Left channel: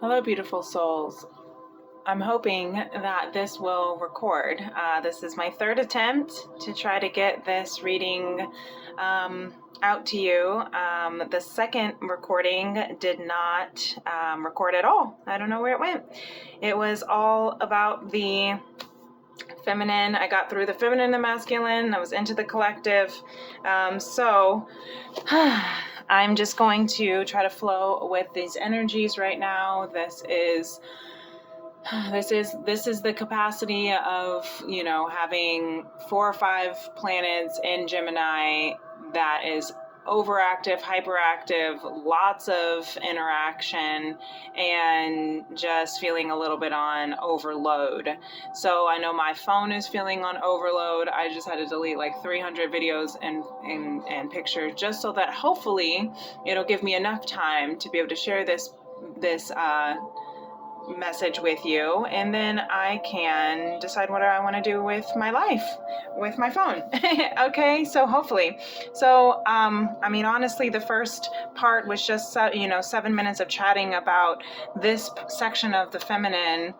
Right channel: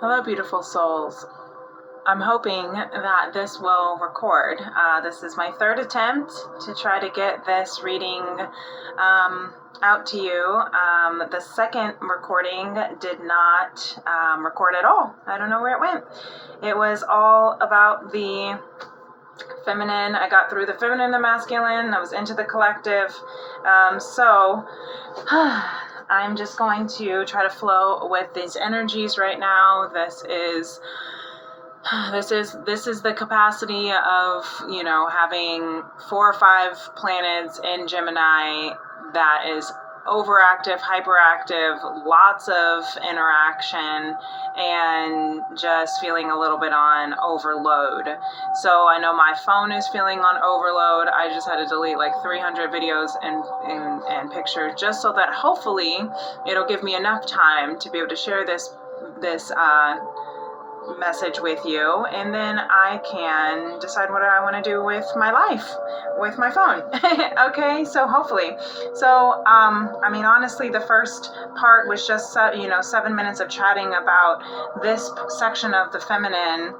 Hello, beautiful souls. I'm hoping that this will record. This is my third attempt to try to get this reading out to you. The second recording did not record at all. I don't know where it went. It was all about the feminine. I got through the feminine and the masculine. I was into the collective. So I'm just going to try to flow with these energies right now. This is the capacity of, having 4 or 5 planets in Gemini that is overactive, hyperactive, lots of interaction, and just feeling a little bit on overload. So I know my phone is feeling on overload. I just had to delete like 300 videos and pictures just so that hopefully it'll give me enough time to be able to share this message with you, and then I can decide what I want to do with my life, with my phone. Okay, so hopefully. So, honestly, the first part was just, 7 minutes of chatting about this section of the feminine.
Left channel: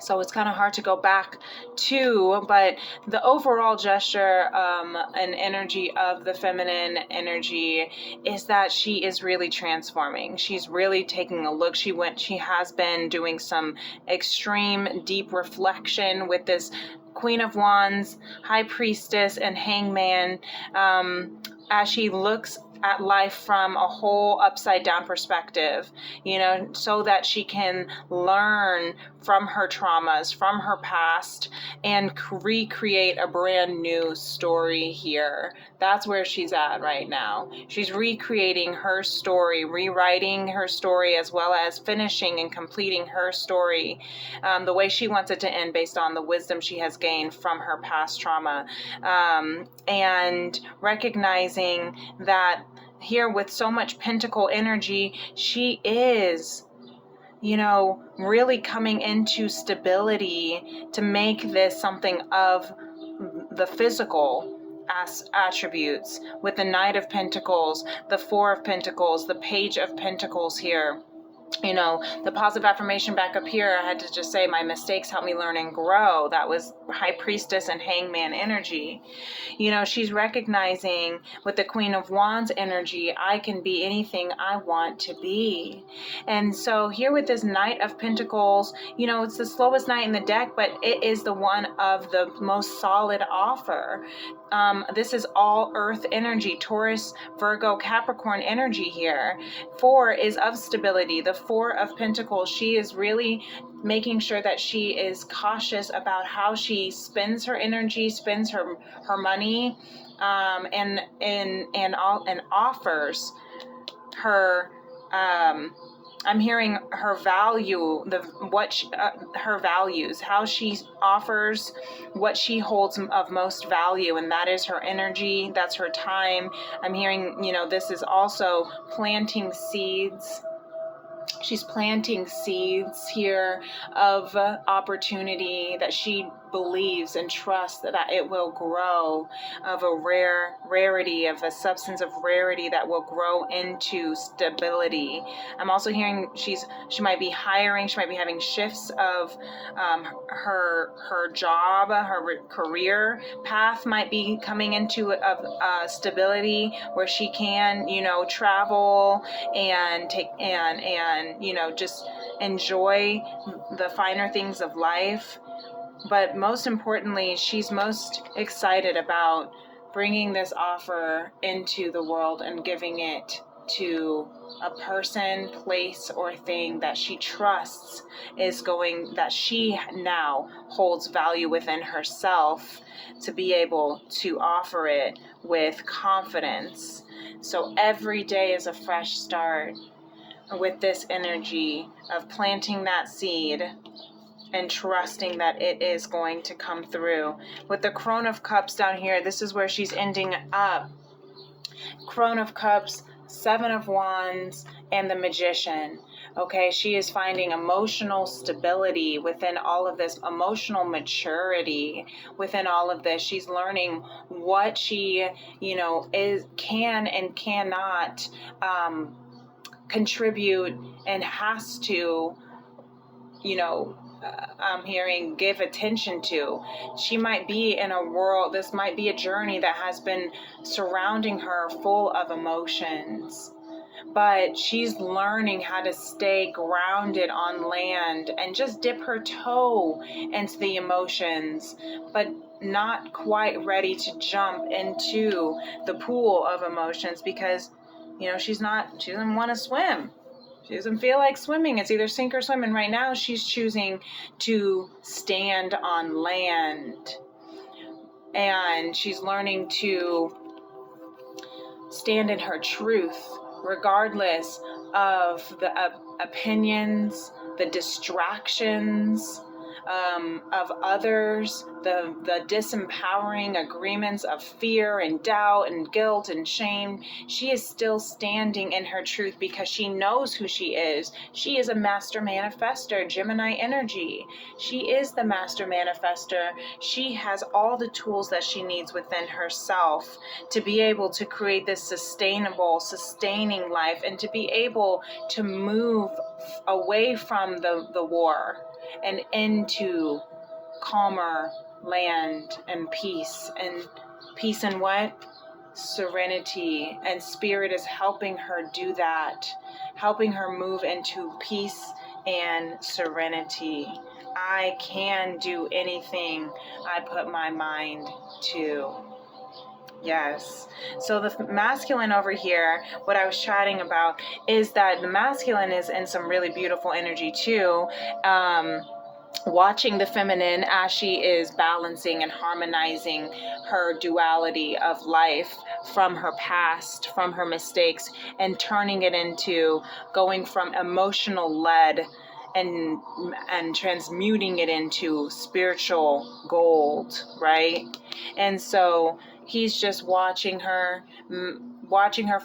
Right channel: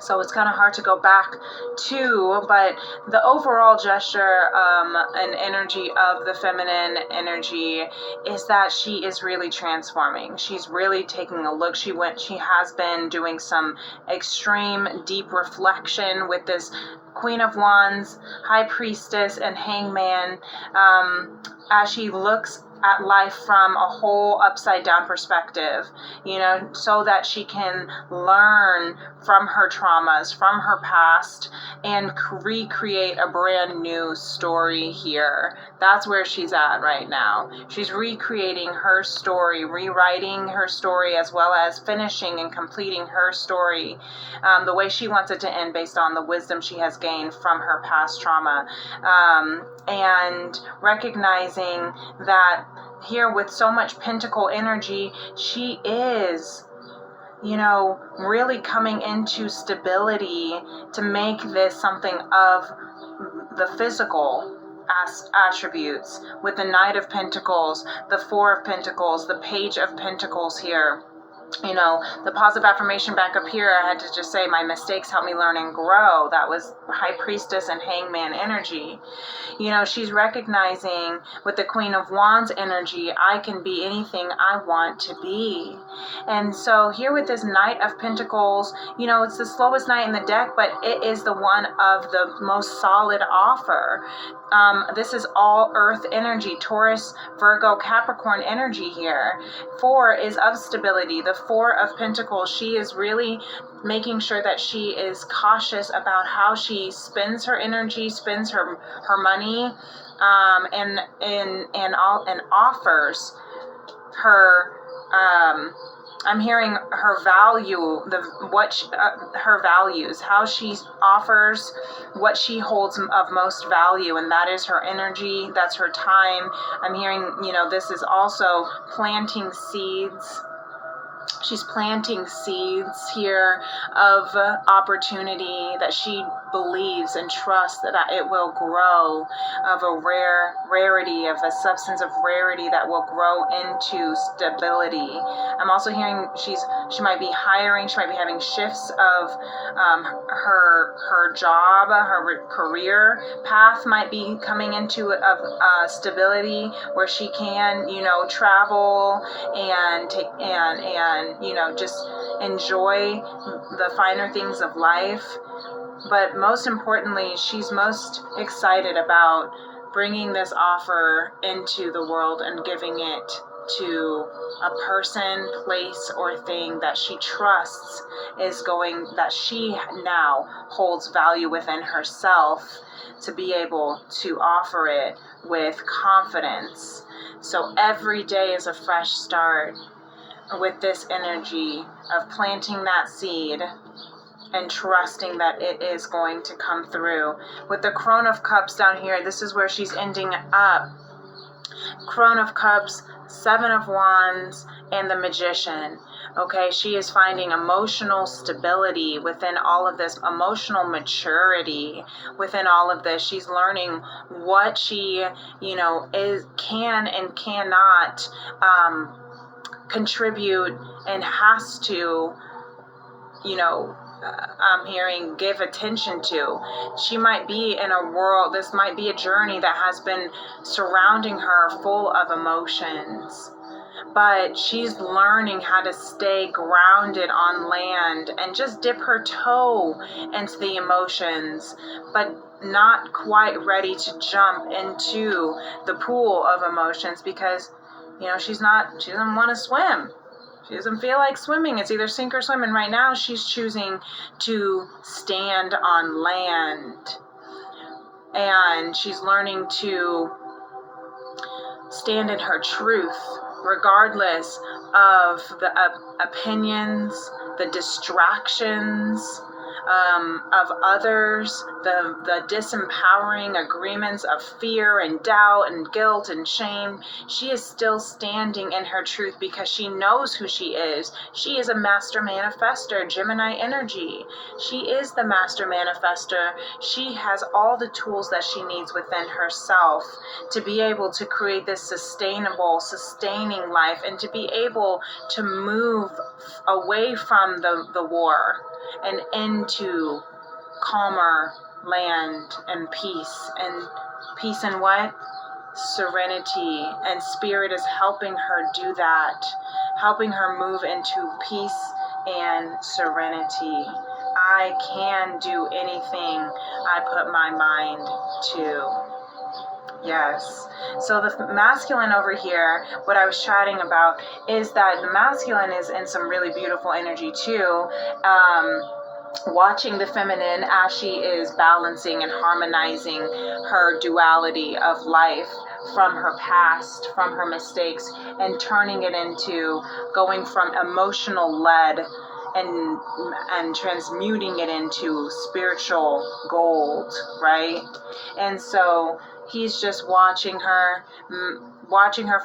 So it's kind of hard to go back to, but the overall gesture and energy of the feminine energy is that she is really transforming. She's really taking a look. She has been doing some extreme deep reflection with this Queen of Wands, High Priestess, and Hangman, as she looks at life from a whole upside down perspective, so that she can learn from her traumas, from her past, and recreate a brand new story here. That's where she's at right now. She's recreating her story, rewriting her story, as well as finishing and completing her story the way she wants it to end, based on the wisdom she has gained from her past trauma, and recognizing that here, with so much pentacle energy, she is, really coming into stability to make this something of the physical attributes, with the Knight of Pentacles, the Four of Pentacles, the Page of Pentacles here. The positive affirmation back up here, I had to just say, my mistakes help me learn and grow. That was High Priestess and Hangman energy. She's recognizing with the Queen of Wands energy, I can be anything I want to be. And so here with this Knight of Pentacles, it's the slowest knight in the deck, but it is the one of the most solid offer. This is all earth energy, Taurus, Virgo, Capricorn energy here. 4 is of stability. The 4 of Pentacles, she is really making sure that she is cautious about how she spends her energy, spends her money, and offers her. I'm hearing her value, her values, how she offers what she holds of most value, and that is her energy, that's her time. I'm hearing, this is also planting seeds. She's planting seeds here of opportunity that she believes and trusts that it will grow, of a rarity, of a substance of rarity that will grow into stability. I'm also hearing she might be hiring, she might be having shifts of her job, her career path might be coming into stability, where she can, travel and take and just enjoy the finer things of life. But most importantly, she's most excited about bringing this offer into the world and giving it to a person, place, or thing that she trusts that she now holds value within herself, to be able to offer it with confidence. So every day is a fresh start with this energy of planting that seed and trusting that it is going to come through. With the Crone of Cups down here, this is where she's ending up. Crone of Cups, 7 of Wands, and the Magician. Okay, she is finding emotional stability within all of this, emotional maturity within all of this. She's learning what she, can and cannot contribute and has to, I'm hearing, give attention to. She might be in a world, this might be a journey that has been surrounding her full of emotions. But she's learning how to stay grounded on land and just dip her toe into the emotions, but not quite ready to jump into the pool of emotions because, she doesn't want to swim. She doesn't feel like swimming. It's either sink or swim. And right now she's choosing to stand on land. And she's learning to stand in her truth, regardless of the opinions, the distractions of others, the disempowering agreements of fear and doubt and guilt and shame. She is still standing in her truth because she knows who she is. She is a master manifester, Gemini energy. She is the master manifester. She has all the tools that she needs within herself to be able to create this sustainable, sustaining life and to be able to move away from the war and into calmer land and peace. And peace and what? Serenity. And Spirit is helping her do that, helping her move into peace and serenity. I can do anything I put my mind to. Yes. So the masculine over here, what I was chatting about is that the masculine is in some really beautiful energy too. Watching the feminine as she is balancing and harmonizing her duality of life from her past, from her mistakes, and turning it into going from emotional led and transmuting it into spiritual gold, right? And so he's just watching her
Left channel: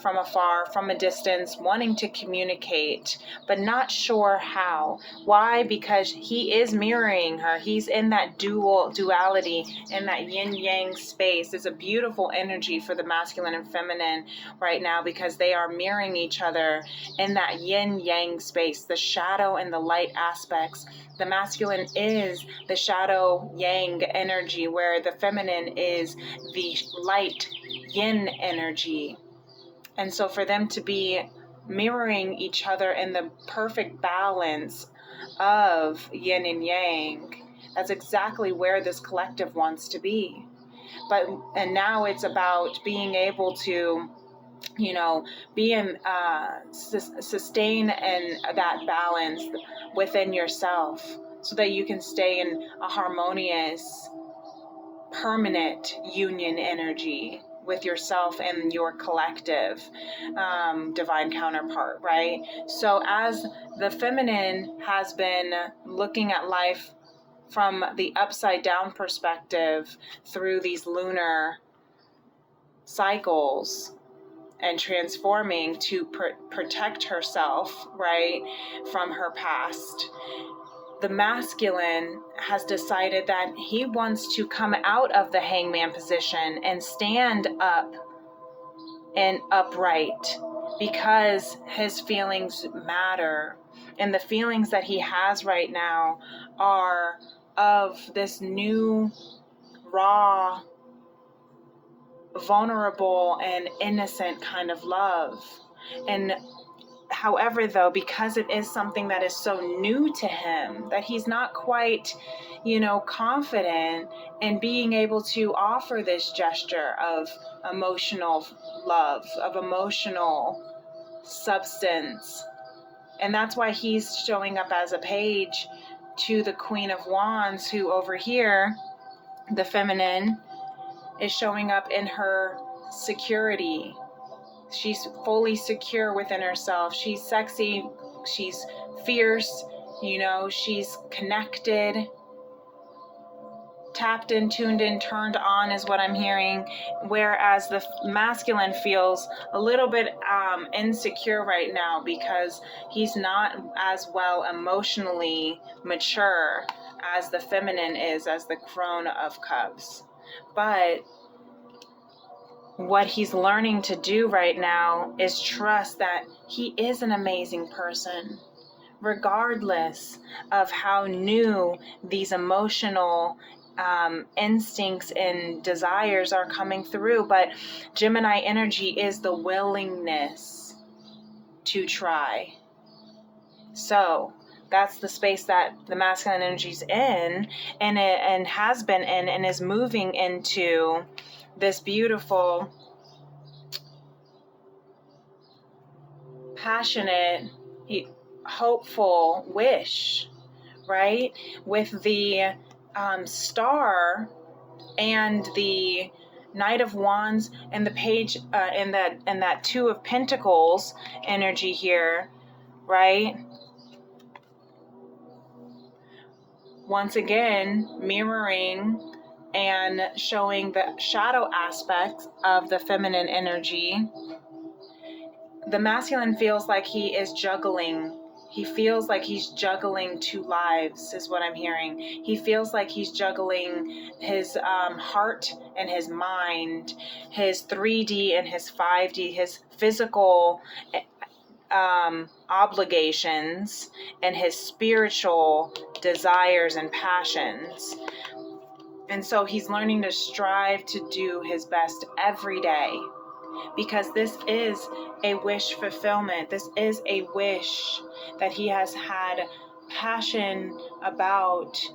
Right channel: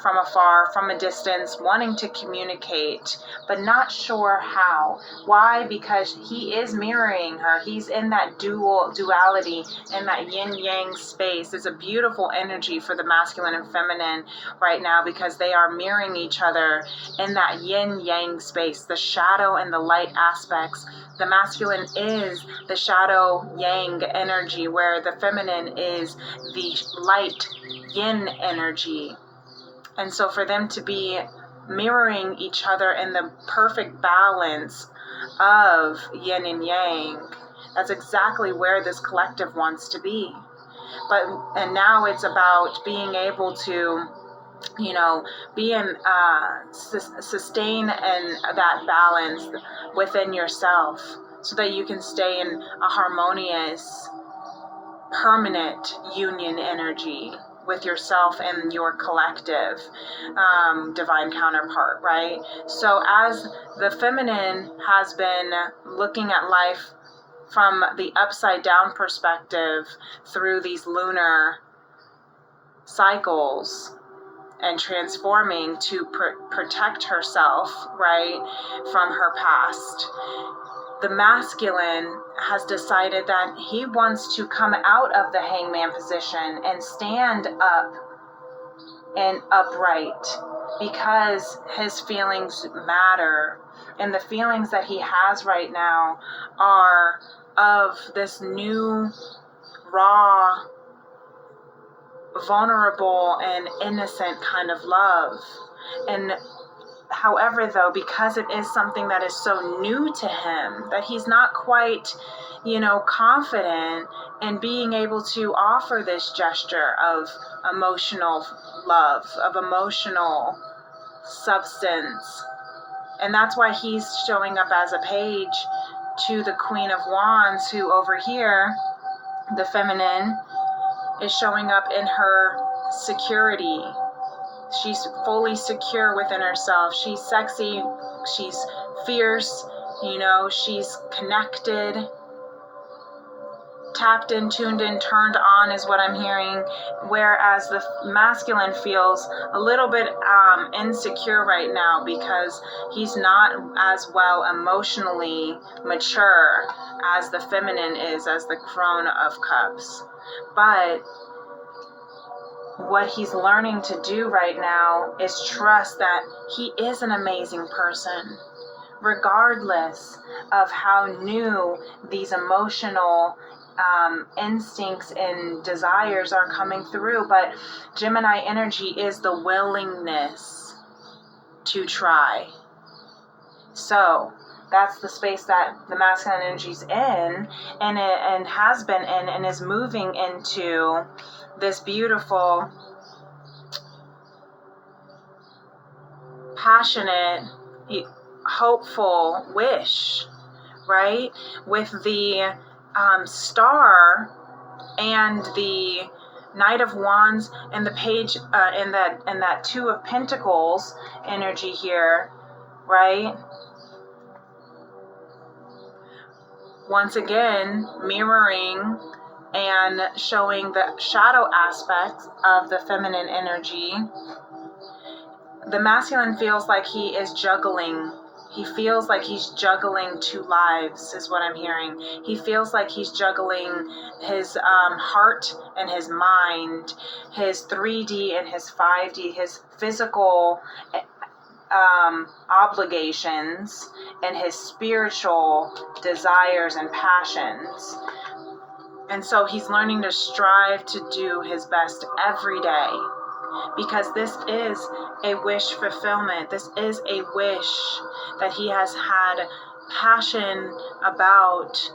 from afar, from a distance, wanting to communicate, but not sure how. Why? Because he is mirroring her. He's in that duality, in that yin-yang space. It's a beautiful energy for the masculine and feminine right now because they are mirroring each other in that yin-yang space, the shadow and the light aspects. The masculine is the shadow yang energy, where the feminine is the light yin energy. And so for them to be mirroring each other in the perfect balance of yin and yang, that's exactly where this collective wants to be. And now it's about being able to, be in, sustain in that balance within yourself so that you can stay in a harmonious, permanent union energy with yourself and your collective divine counterpart, right? So as the feminine has been looking at life from the upside down perspective through these lunar cycles and transforming to protect herself, right, from her past, the masculine has decided that he wants to come out of the hangman position and stand up and upright because his feelings matter. And the feelings that he has right now are of this new, raw, vulnerable, and innocent kind of love. And however, though, because it is something that is so new to him, that he's not quite, confident in being able to offer this gesture of emotional love, of emotional substance. And that's why he's showing up as a page to the Queen of Wands, who over here, the feminine, is showing up in her security. She's fully secure within herself. She's sexy. She's fierce. She's connected, tapped in, tuned in, turned on is what I'm hearing. Whereas the masculine feels a little bit insecure right now because he's not as well emotionally mature as the feminine is, as the Crone of Cups. But what he's learning to do right now is trust that he is an amazing person, regardless of how new these emotional instincts and desires are coming through. But Gemini energy is the willingness to try. So that's the space that the masculine energy is in, and has been in, and is moving into this beautiful, passionate, hopeful wish, right? With the star and the Knight of Wands and the page and that Two of Pentacles energy here, right? Once again, mirroring and showing the shadow aspects of the feminine energy. The masculine feels like he is juggling. He feels like he's juggling two lives, is what I'm hearing. He feels like he's juggling his heart and his mind, his 3D and his 5D, his physical obligations and his spiritual desires and passions. And so he's learning to strive to do his best every day, because this is a wish fulfillment. This is a wish that he has had passion about.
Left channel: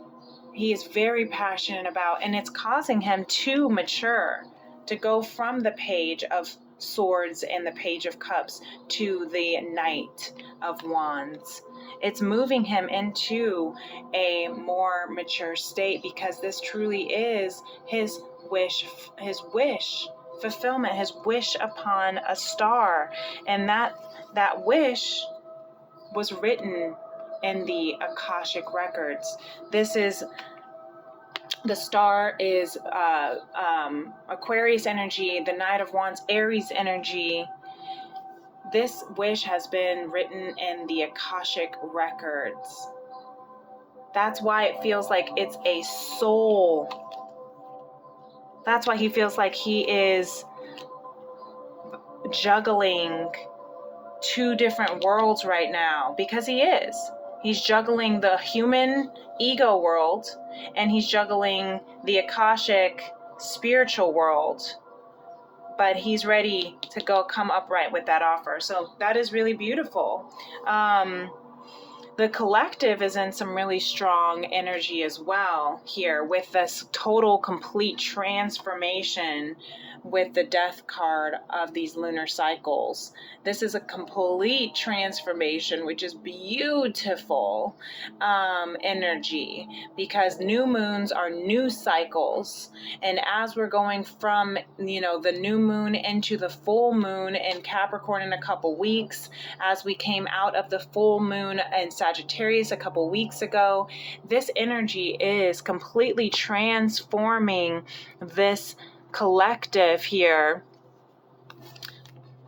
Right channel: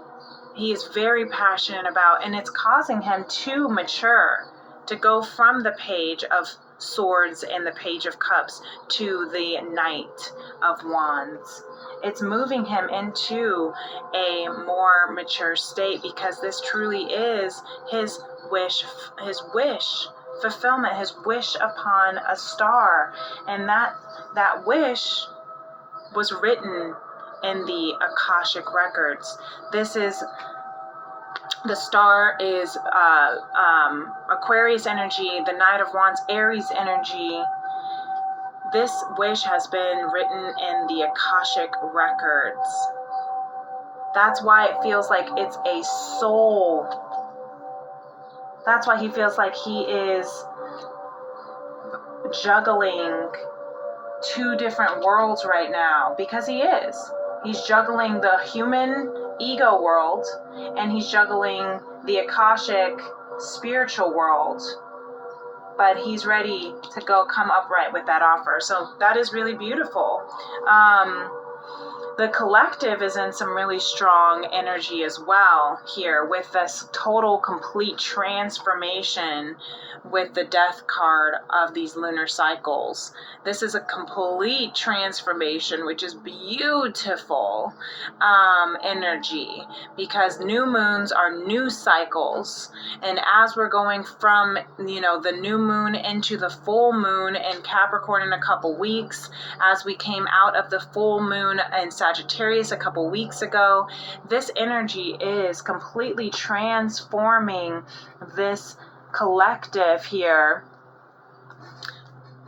He is very passionate about, and it's causing him to mature, to go from the Page of Swords and the Page of Cups to the Knight of Wands. It's moving him into a more mature state, because this truly is his wish fulfillment, his wish upon a star. And that wish was written in the Akashic records. This is, the star is Aquarius energy, the Knight of Wands, Aries energy. This wish has been written in the Akashic records. That's why it feels like it's a soul. That's why he feels like he is juggling two different worlds right now, because he is. He's juggling the human ego world, and he's juggling the Akashic spiritual world. But he's ready to come upright with that offer. So that is really beautiful. The collective is in some really strong energy as well here, with this total complete transformation with the death card of these lunar cycles. This is a complete transformation, which is beautiful energy, because new moons are new cycles. And as we're going from, the new moon into the full moon in Capricorn in a couple weeks, as we came out of the full moon in Sagittarius a couple weeks ago, this energy is completely transforming this collective here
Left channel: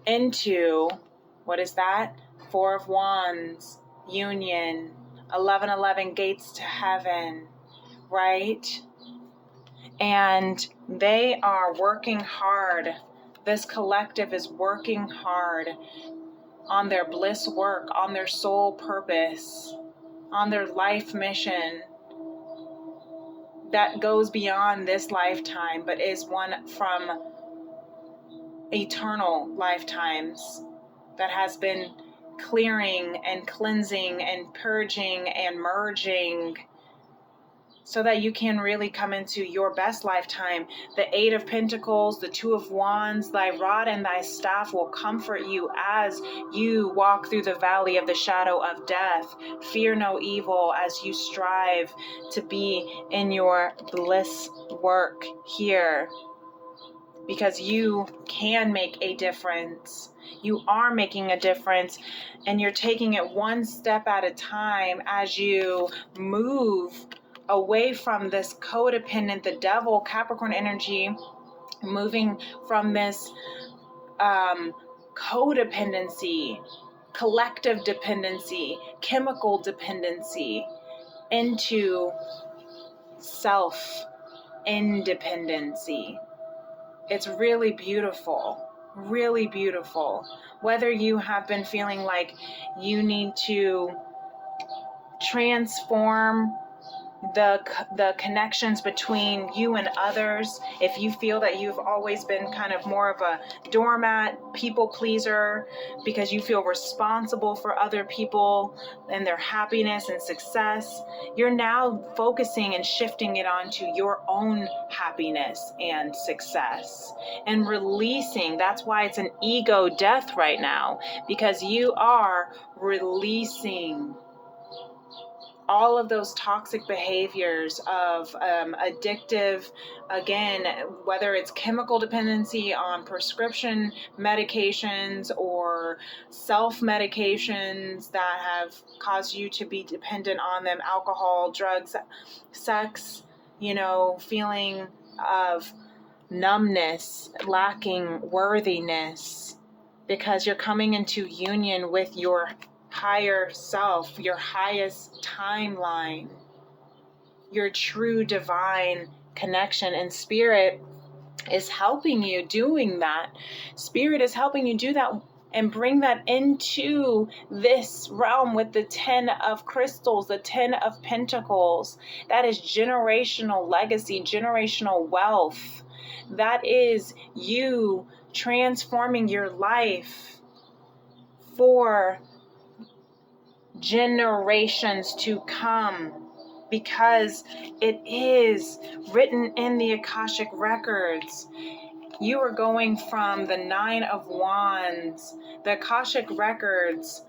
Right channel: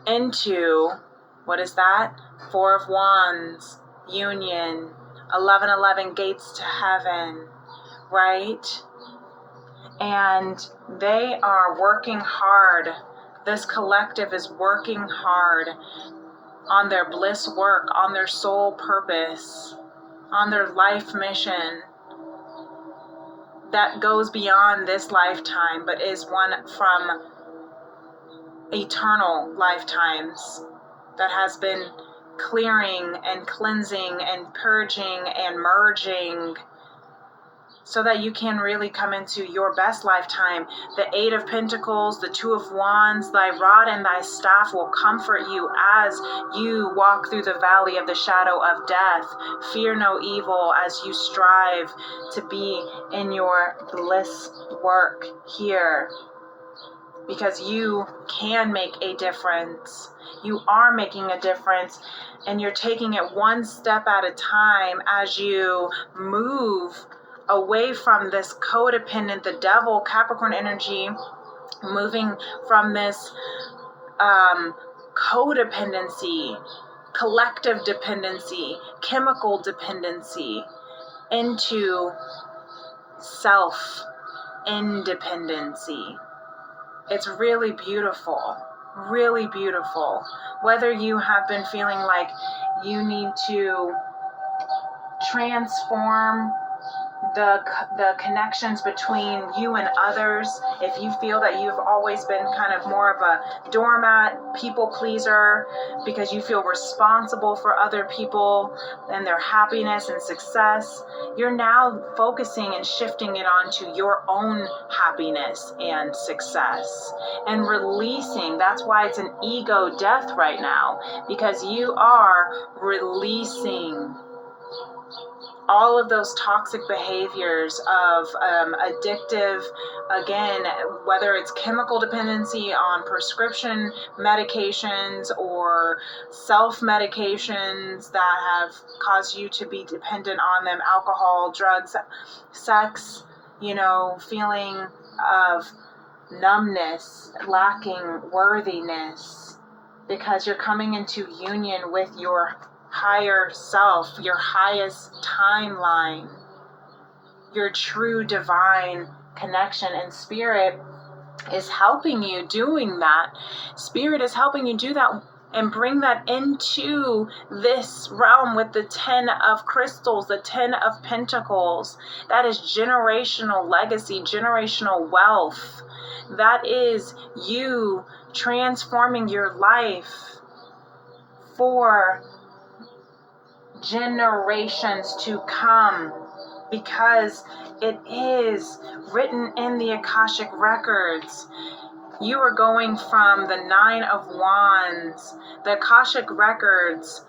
into, what is that? Four of Wands, union, 1111 gates to heaven, right? And they are working hard. This collective is working hard on their bliss work, on their soul purpose, on their life mission that goes beyond this lifetime, but is one from eternal lifetimes, that has been clearing and cleansing and purging and merging, so that you can really come into your best lifetime. The Eight of Pentacles, the Two of Wands, thy rod and thy staff will comfort you as you walk through the valley of the shadow of death. Fear no evil as you strive to be in your bliss work here, because you can make a difference. You are making a difference, and you're taking it one step at a time as you move away from this codependent, the devil, Capricorn energy, moving from this codependency, collective dependency, chemical dependency, into self-independency. It's really beautiful, really beautiful. Whether you have been feeling like you need to transform the connections between you and others, if you feel that you've always been kind of more of a doormat, people pleaser, because you feel responsible for other people and their happiness and success, you're now focusing and shifting it onto your own happiness and success and releasing. That's why it's an ego death right now, because you are releasing all of those toxic behaviors of addictive, again, whether it's chemical dependency on prescription medications or self-medications that have caused you to be dependent on them, alcohol, drugs, sex, feeling of numbness, lacking worthiness, because you're coming into union with your higher self, your highest timeline, your true divine connection. And spirit is helping you doing that. Spirit is helping you do that and bring that into this realm with the 10 of crystals, the 10 of pentacles. That is generational legacy, generational wealth. That is you transforming your life for generations to come, because it is written in the Akashic records. You are going from the 9 of Wands. The Akashic records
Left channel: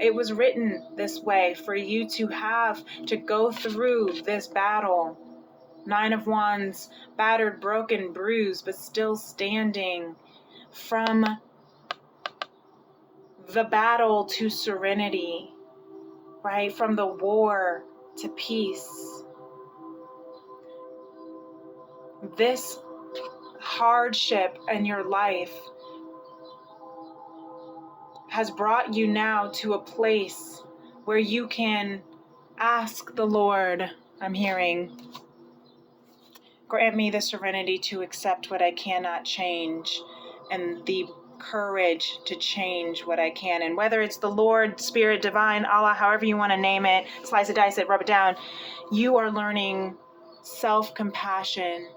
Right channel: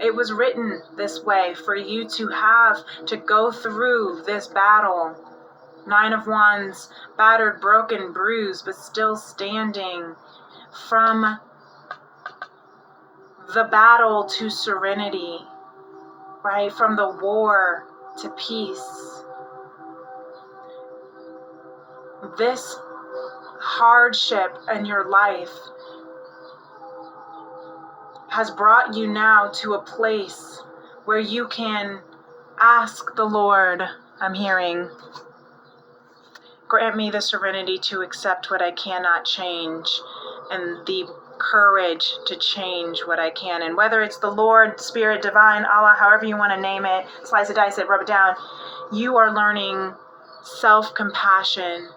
it was written this way for you to have to go through this battle. 9 of Wands, battered, broken, bruised, but still standing. From the battle to serenity, right? From the war to peace. This hardship in your life has brought you now to a place where you can ask the Lord, I'm hearing, grant me the serenity to accept what I cannot change, and the courage to change what I can. And whether it's the Lord, Spirit, Divine, Allah, however you want to name it, slice it, dice it, rub it down, you are learning self-compassion,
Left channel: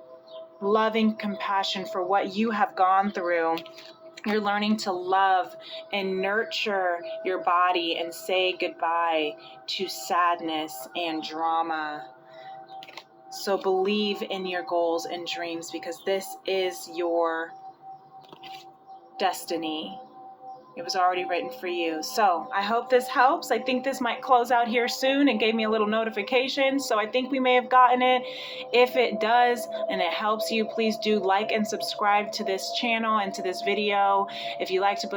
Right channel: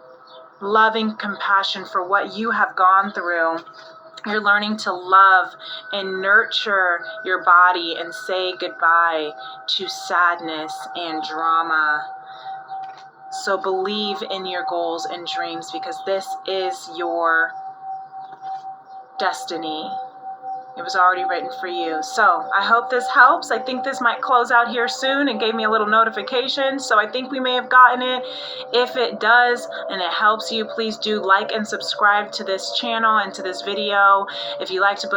loving compassion for what you have gone through. You're learning to love and nurture your body and say goodbye to sadness and drama. So believe in your goals and dreams, because this is your destiny. It was already written for you. So I hope this helps. I think this might close out here soon and gave me a little notification. So I think we may have gotten it. If it does and it helps you, please do like and subscribe to this channel and to this video. If you like to